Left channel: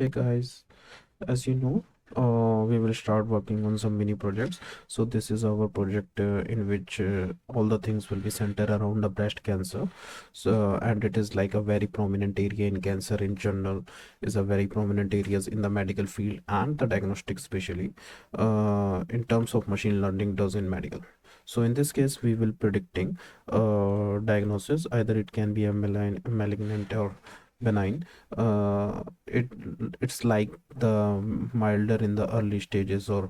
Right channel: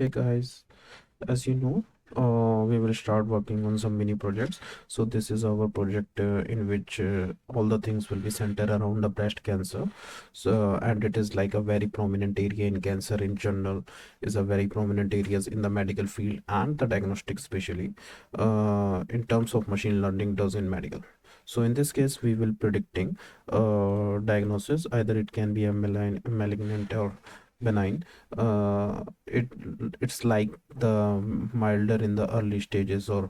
Hey guys, as you know, we will start working on some mini projects. So this is our project in which all the things will be centered around the breast cancer. So and it is like a very prominent area in cancer in general, is a very prominent areas in the medical field and the diagnostic especially, in terms of machine learning does in medical. So in this case, we will predicting diagnosis. Either it can be a malignant or benign. It's like the milder in the early stages, or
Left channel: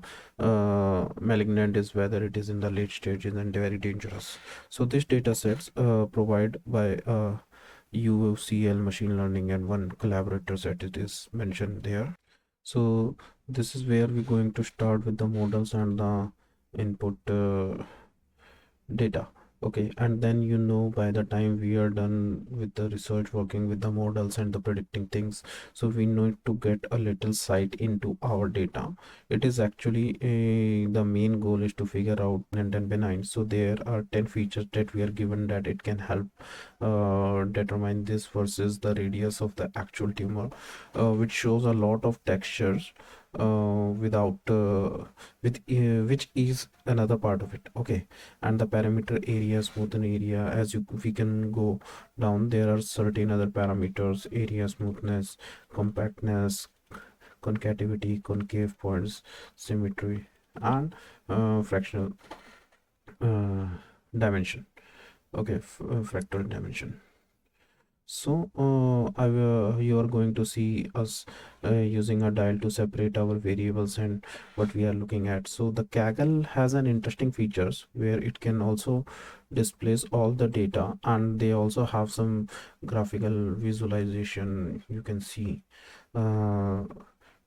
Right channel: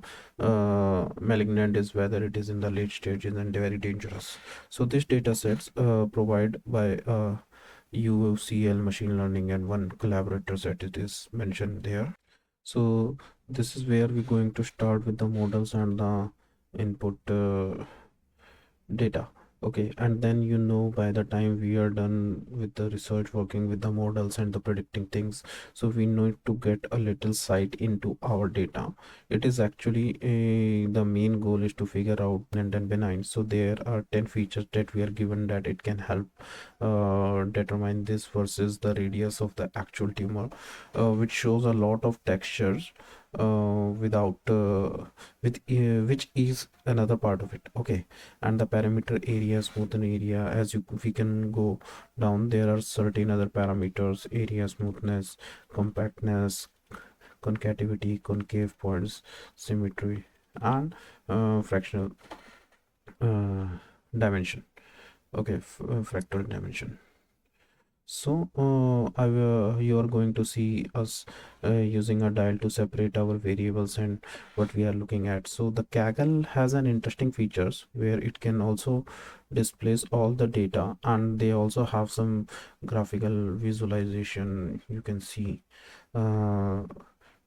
malignant is whether it is in the late stages and very dangerous. So these data sets provide by UCL machine learning and one collaborator set it is mentioned there. So this is where we're going to start with the models and the input data. Okay, and then by the time we are done with the research working with the models and the predicting things, so we need to get a little sight into our data. It is actually the main goal is to figure out and then benign. So there are 10 features that we are given that it can help determine this versus the radius of the actual tumor, which shows a lot of textures without which is another part of it. Okay, and the parameter area, smoothen area, as we can go down, there are certain other parameters: area, smoothness, compactness, concativity, concave points, symmetry, and fractional uh, dimension. Okay, fractal dimension. So, you are going to see us using a dial to separate our variables and what we are looking at. So the Kaggle has an interesting features where it can also displays all the data, and they also have some graphical visualization you can see. Uh,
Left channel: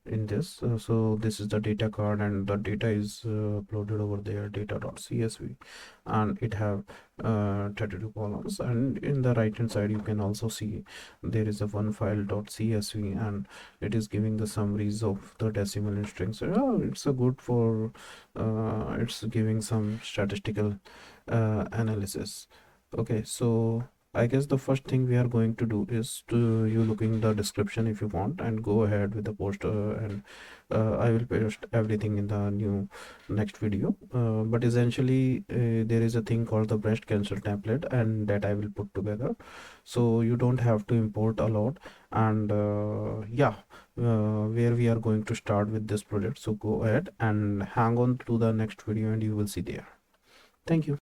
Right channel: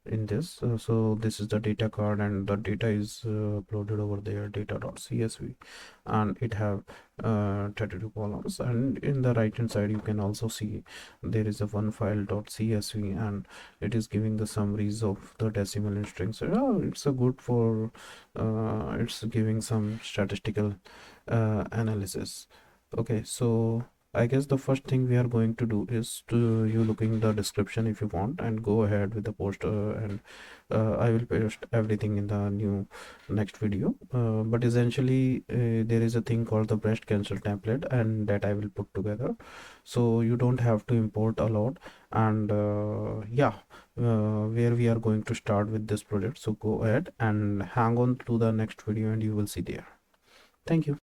in this, so this is the data card and the data is uploaded over there, data.csv, and it have 32 columns, and in the right hand side you can also see there is a one file.csv, and it is giving the summaries of the decimal and strings. So it's a good for it's giving some statistical analysis. Okay, so I guess the first thing we are going to do is to you looking the description if you want, and go ahead with the post, and I will post everything in the new next video. But essentially, there is a thing called the breast cancer template, and that I will put together, so you don't have to import a lot. And yeah, where we are going to start with this project. So go ahead and hang on to the next video, and you will see there. Thank you.